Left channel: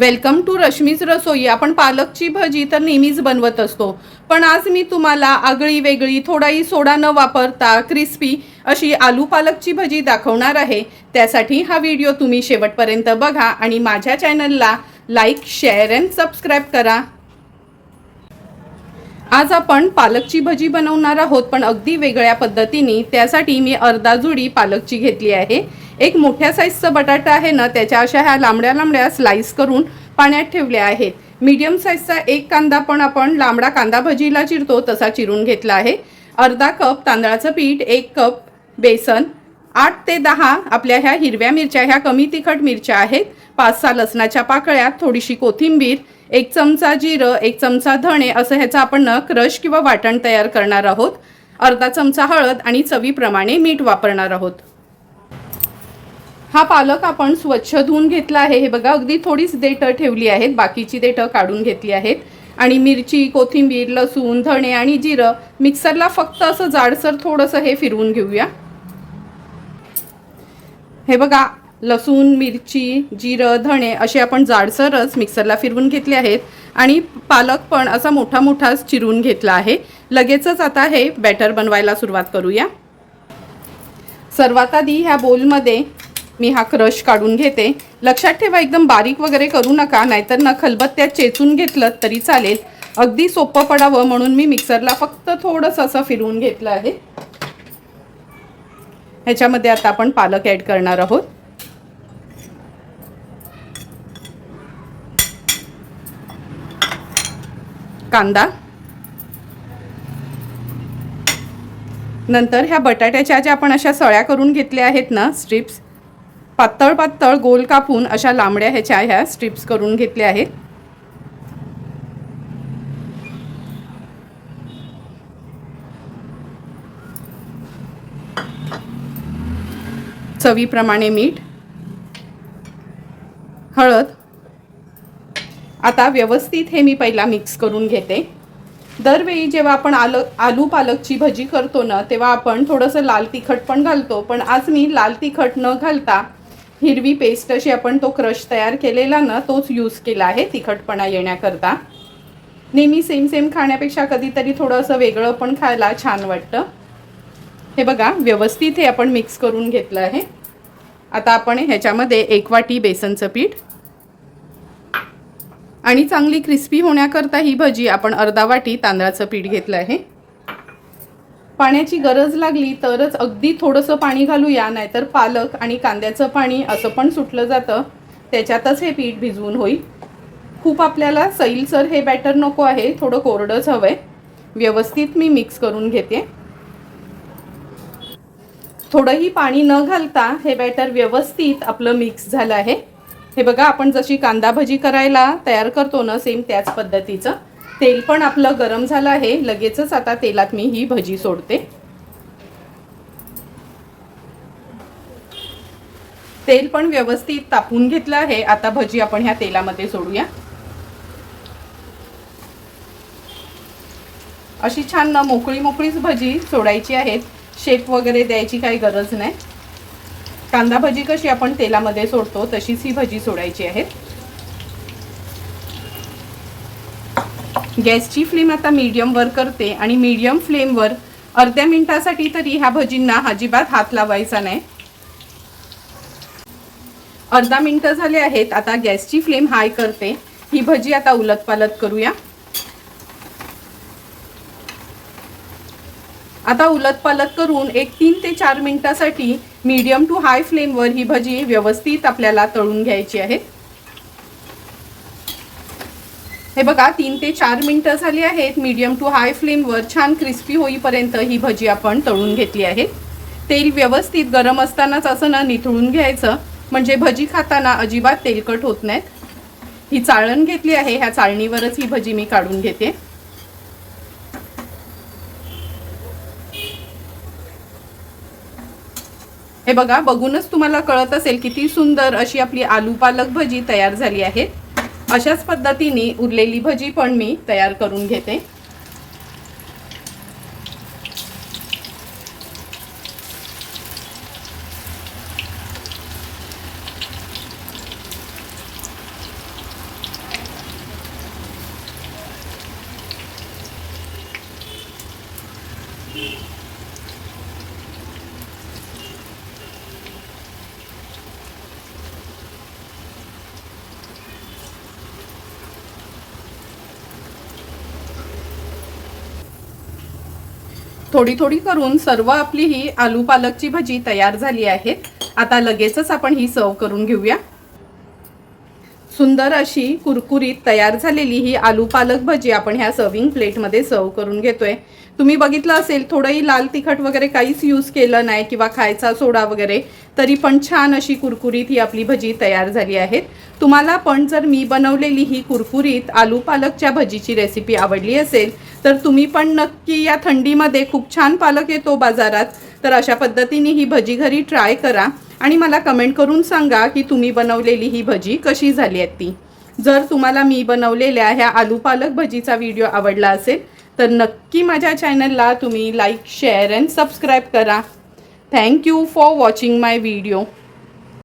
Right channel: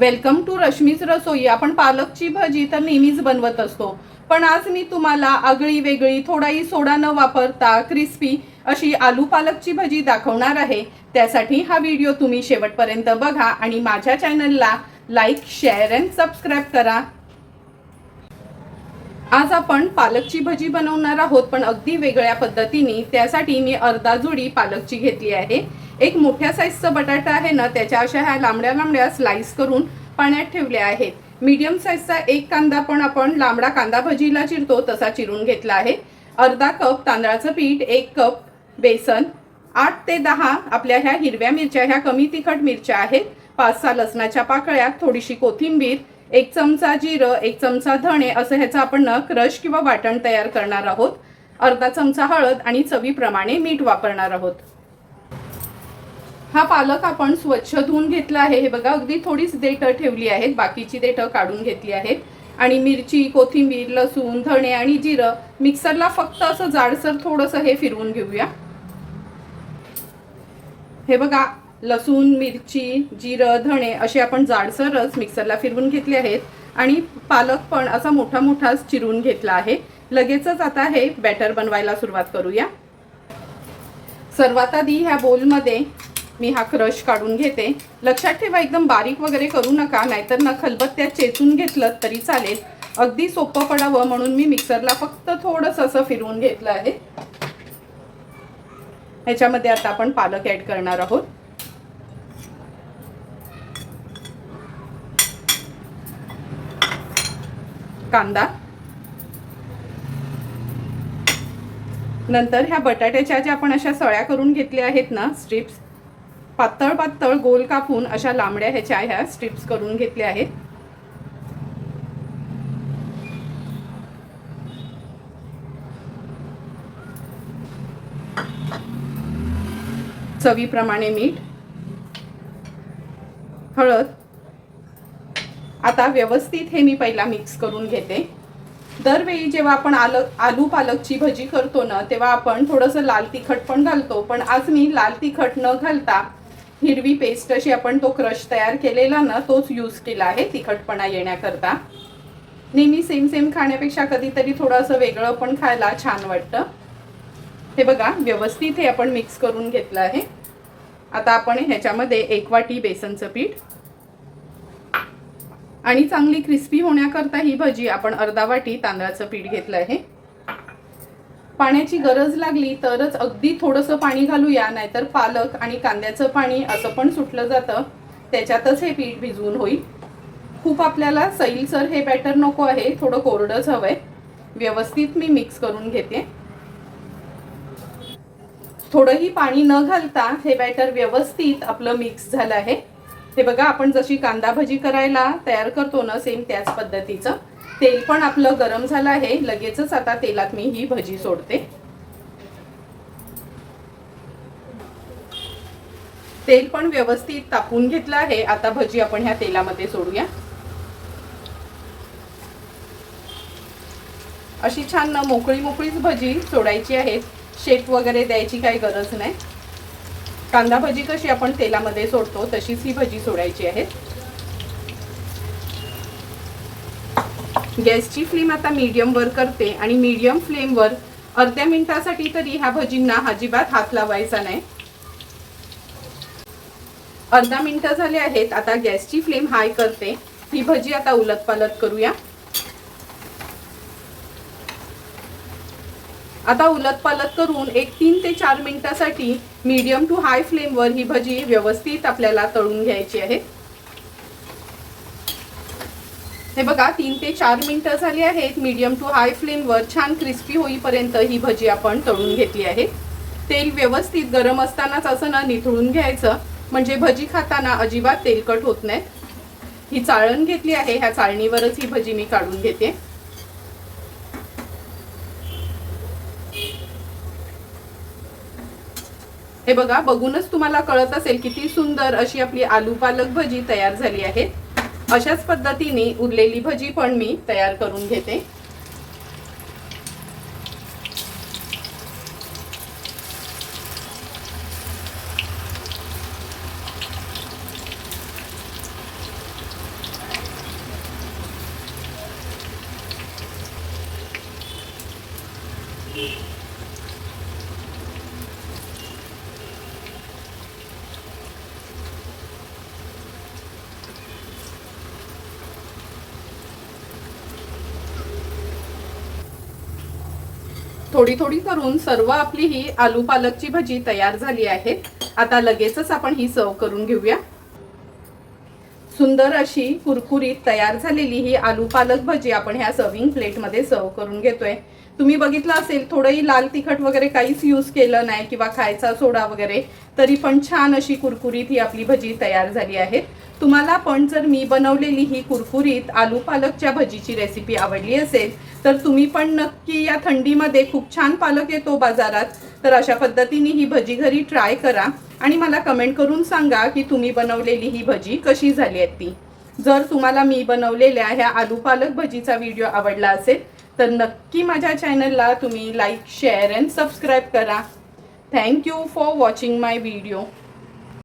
Welcome to Rashmi's रसोई। आपण पालकची भजी तर नेहमीच बनवत असतो, पण आज मी तुम्हाला आगळी वेगळी थोडाही सोडा न वापरता क्रिस्पी अशी आलू पालकची भजी दाखवणार आहे। त्यासाठी हा व्हिडिओ तुम्ही शेवटपर्यंत बघा आणि माझ्या चॅनलला लाईक, शेअर अँड सबस्क्राइब करा। आज आपण पालकची भजी बनवणार आहोत, पण अगदी वेगळ्या पद्धतीने। त्यासाठी मी अर्धा जुडी पालकची घेतली आहे। एक मोठ्या साईजचा बटाटा आहे ना, त्याच्या अशा ह्या लांबड्या लांबड्या स्लाइस करून पाण्यात ठेवल्या आहेत। मीडियम साईजचा एक कांदा पण आपण लांबडा कांदा भजीला चिरतो तसा चिरून घेतला आहे। अर्धा कप तांदळाचं पीठ, 1 कप बेसन, 8 ते 10 आपल्या ह्या हिरव्या मिरच्या, ह्या कमी तिखट मिरच्या आहेत, 5-6 लसणाच्या पाकळ्या, थोडीशी कोथिंबीर, 1 चमचा जिरं, 1 चमचा धणे असं ह्याचा आपण क्रश किंवा वाटण तयार करणार आहोत। अर्धा चमचा हळद आणि चवीप्रमाणे मीठ वापरणार आहोत। हा पालक आपण स्वच्छ धुवून घेतला आहे। हे बघा, अगदी थोडीच देठं ठेवली आहेत, बाकीची देठं काढून घेतली आहेत। आणि मिरची, कोथिंबीर, लसूण, धणे आणि जिरं मिक्सरला फक्त असं जाडसर थोडंसं हे फिरवून घेऊया। हे बघा, लसूण, मिरची, जिरं, धणे असे आपण जाडसरच मिक्सरला फिरवून घेतले आहेत आणि पालक पण असा मोठा मोठा चिरून घेतला आहे। लगेचच आता हे बॅटर बनवायला सुरुवात करूया। सर्वात आधी ह्या बोलमध्ये मी हा क्रश काढून घेते। लक्षात ठेवा, एकदम बारीक वगैरे करू नका, नाहीतर ना खलबत्त्यात चेचून घेतलं तरी चालेल। अगदी सोपं पडावं म्हणून मी मिक्सरला फक्त थोडंसं असं फिरवून घेतलं आहे। ह्याच्यामध्ये आता आपण पालक ऍड करणार आहोत। कांदा, नंतर ह्या बटाट्याच्या ज्या आपण अशा सळ्या करून घेतल्या आहेत ना, स्ट्रिप्स, पातळ पातळ गोल कापून अशा लांबड्या ह्या स्ट्रिप्स करून घेतल्या आहेत। चवीप्रमाणे मीठ, हळद। आता व्यवस्थित हे मी पहिला मिक्स करून घेते। दरवेळी जेव्हा आपण आलू पालकची भजी करतो ना, तेव्हा आपण थोडंसं लाल तिखट पण घालतो, पण आज मी लाल तिखट न घालता हिरवी पेस्ट अशी आपण तो क्रश तयार केलेला ना, तोच यूज केला आहे तिखटपणा येण्याकरता। नेहमी सेम खाण्यापेक्षा कधीतरी थोडंसं वेगळं पण खायला छान वाटतं। हे बघा, व्यवस्थित हे आपण मिक्स करून घेतलं आहे। आता आपण ह्याच्यामध्ये 1 वाटी बेसनचं पीठ आणि चांगली क्रिस्पी होण्याकरता ही भजी आपण अर्धा वाटी तांदळाचं पीठ घेतलं आहे। पाण्याची गरज लागली तरच अगदी थोडंसं पाणी घालूया, नाहीतर पालक आणि कांद्याचं पाणी असं पण सुटलं जातं, त्याच्यातच हे पीठ भिजवून होईल। खूप आपल्याला सैलसर हे बॅटर नको आहे, थोडं कोरडंच हवंय। व्यवस्थित मी मिक्स करून घेते। थोडंही पाणी न घालता हे बॅटर व्यवस्थित आपलं मिक्स झालं आहे। हे बघा, आपण जशी कांदा भजी करायला तयार करतो ना, सेम त्याच पद्धतीचं। तेल पण आपलं गरम झालं आहे। लगेचच आता तेलात मी ही भजी सोडते। तेल पण व्यवस्थित तापून घेतलं आहे। आता भजी आपण ह्या तेलामध्ये सोडूया। अशी छान ना मोकळी मोकळीच भजी सोडायची आहे, शेप वगैरे द्यायची काही गरज नाही। कांदा भजी कशी आपण तेलामध्ये सोडतो तशीच ही भजी सोडायची आहे। गॅसची फ्लेम आता मीडियम वर करते आणि मीडियम फ्लेमवर अर्ध्या मिनिटासाठी तरी ह्या भजींना अजिबात हात लावायचा नाही। अर्धा मिनिट झाले आहेत। आता गॅसची फ्लेम हाय करते। ही भजी आता उलटपालट करूया। आता उलटपालट करून एक 3 ते 4 मिनिटासाठी मीडियम टू हाय फ्लेमवर ही भजी व्यवस्थित आपल्याला तळून घ्यायची आहे। हे बघा, 3 ते 4 मिनिटं झाली आहेत। मीडियम टू हाय फ्लेमवर छान क्रिस्पी होईपर्यंत ही भजी आपण तळून घेतली आहे। तेल व्यवस्थित गरम असतानाच असं ना निथळून घ्यायचं, म्हणजे भजी खाताना अजिबात तेलकट होत नाहीत। ही चाळण घेतली आहे, ह्या चाळणीवरच ही भजी मी काढून घेते। हे बघा, बघूनच तुम्हाला कळत असेल किती सुंदर अशी आपली आलू पालक भजी तयार झाली आहे। अशाच पद्धतीने उरलेली भजी पण मी तयार करून घेते। थोडी थोडी करून सर्व आपली ही आलू पालकची भजी तयार झाली आहे। आता लगेचच आपण ही सर्व करून घेऊया। सुंदर अशी कुरकुरीत तयार झालेली ही आलू पालक भजी आपण ह्या सर्विंग प्लेटमध्ये सर्व करून घेतोय। तुम्ही बघितलं असेल थोडंही लाल तिखट वगैरे काहीच यूज केलं नाही किंवा खायचा सोडा वगैरे, तरी पण छान अशी कुरकुरीत ही आपली भजी तयार झाली आहे। तुम्हाला पण जर मी बनवलेली ही कुरकुरीत आलू पालकच्या भजीची रेसिपी आवडली असेल तर तुम्ही पण नक्की, या थंडीमध्ये खूप छान पालक येतो बाजारात, तर अशा पद्धतीने ही भजी घरी ट्राय करा आणि मला कमेंट करून सांगा की तुम्ही बनवलेली ही भजी कशी झाली आहे ती। जर तुम्हाला मी बनवलेल्या ह्या आलू पालक भजीचा व्हिडिओ आवडला असेल तर नक्की माझ्या चॅनलला तुम्ही लाईक, शेअर अँड सबस्क्राईब करा। Thank you for watching my video.